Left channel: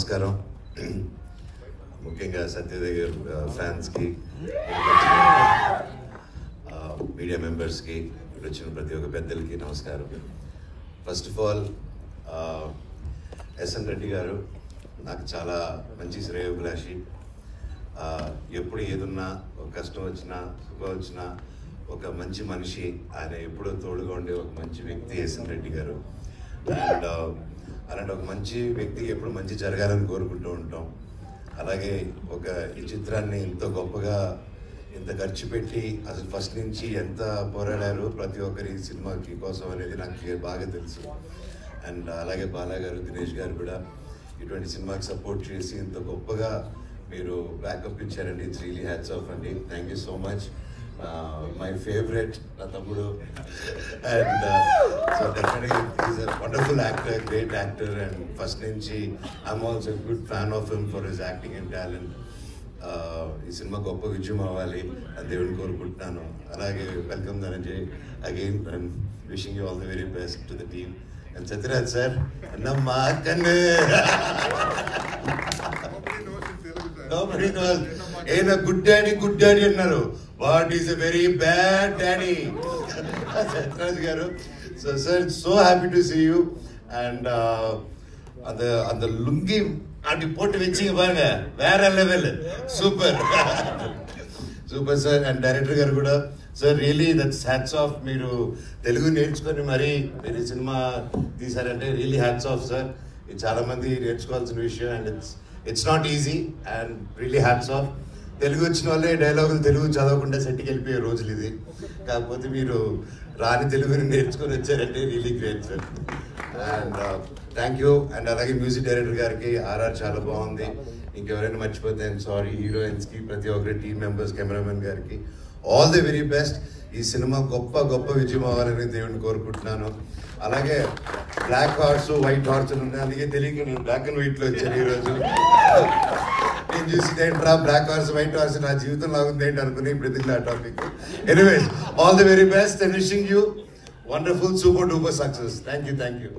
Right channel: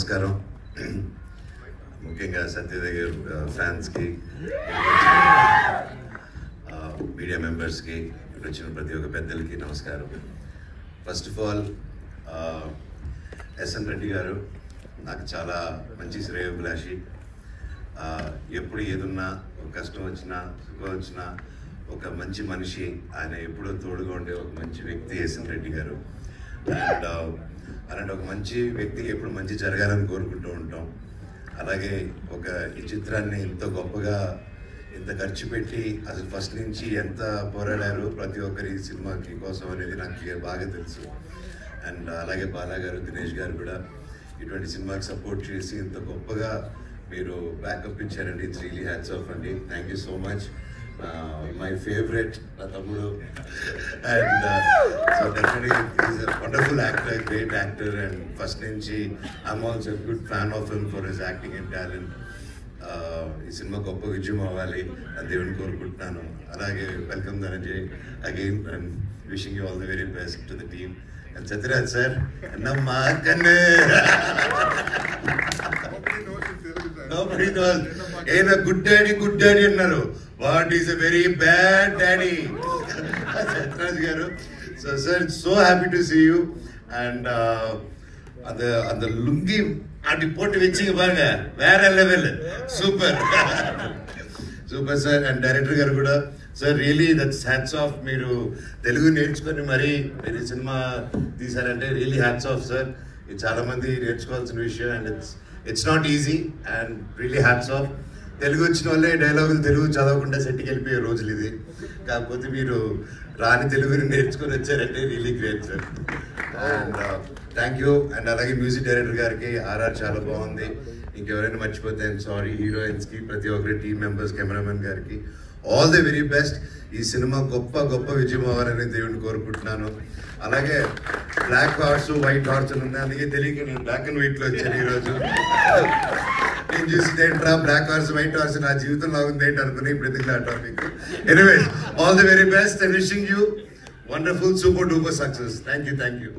నమస్కారం. ముఖ్యంగా సత్యదేవ్ గారు ఫ్యాన్స్కి, మీడియా మెంబర్స్కి, వచ్చిన ప్రతి ఒక్క పెద్దలకి నమస్కారం. First of all SN Reddy గారు నాకు చాలా మంచి శ్రేయోభిలాషి. ఎప్పుడు ఏదున్నా, ఒక కష్టం వచ్చినా, సుఖం వచ్చినా ఒక మంచి మనిషి, ఆయన ఎప్పుడూ తోడుగా ఉండే ఒక మంచి వ్యక్తి ఎస్ఎన్ రెడ్డి గారు. అండ్ అలాంటి ఒక మంచి వ్యక్తికి ఎప్పుడు మంచి జరగాలని కోరుకుంటూ ఉంటాం. అలాగే ఈ చిత్రాన్ని ఇంత గొప్పగా ఇంత ఖర్చు పెట్టి అసలు ఫస్ట్ నుంచి ఎంత పోరాడారు ప్రతి ఒక్కరి సినిమాకి కోసం అనేది నాకు బాగా తెలుసు. అండ్ అలాగే బాలా గారు, దినేష్ గారు కూడా ఇటువంటి సినిమాకి సపోర్ట్ చేసి ఇంత గొప్పగా మీరు బ్యాకప్ ఇచ్చారండి. ఇట్స్ రియలీ హ్యాట్స్ ఆఫ్ అండి. Thank you so much. My favourite నా తమ్ముడు. And so definitely is a wonderful actor, great actor. And first నుంచి I'm also good fan of him for his acting and talent. ఈ cinema గొప్ప విజయం అవ్వాలి అని దేవుని కోరుకుంటున్నాను. అలాగే welcome Dhananjay again and wishing you all the very best to the team. And Sathyaraj sir అన్నమ్మా కన్నే ఏదో గుడ్ డాడీ అన్నారు. What is a very bad daddy Sathyaraj గారు. So sir, so happy to see you. And அந்த லுங்கி அப்படி போட்டு வச்சிங்க பாருங்க, வேற level, super super sir. And director గారు కూడా sir really that's hats off. మీరు తెలుగు నేర్చుకొని మరి మీరు సినిమా తీసారంటే రియలీ హ్యాట్స్ ఆఫ్ సార్. ఇది చాలా మంది నేర్చుకోవాల్సిన విషయం. And it's not easy and really hats off. Telugu వచ్చిన వాళ్ళే డైలాగులు తెలుగు చదవకుండా సెట్కి వెళ్ళిపోయే రోజులు ఇది. కాకపోతే మీరు రాని తెలుగుని నేర్చుకొని వచ్చారంటే really great sir. And thank you. And అలాగే మ్యూజిక్ డైరెక్టర్ గారికి ఆర్ఆర్ చాలా బాగుంది. ఇంకెవరైనా మర్చిపోతే ఐఎమ్ సారీ. హీరోయిన్స్కి, ప్రతి ఒక్కరి టీమ్ మెంబర్స్, కెమెరామెన్ గారికి ఆల్ ది వెరీ బెస్ట్. ఈ సినిమా గొప్ప విజయం అవ్వాలని దేవుడిని కోరుకుంటున్నాను. అలాగే బ్లాక్ హార్స్, వైట్ హార్స్ ఉన్నాయి. అందుకే తెలియక నేను బ్లాక్ అండ్ వైట్ లో వచ్చాను ఈరోజు. నేను చూసి ఏంట్రా బ్లాక్ హార్స్, వైట్ హార్స్, నా జీవితం లాగుంది ఏంటి అనుకుని ఇప్పుడు ఆ topic. Anyways, all the very best and wishing you wonderful super duper success. Thank you.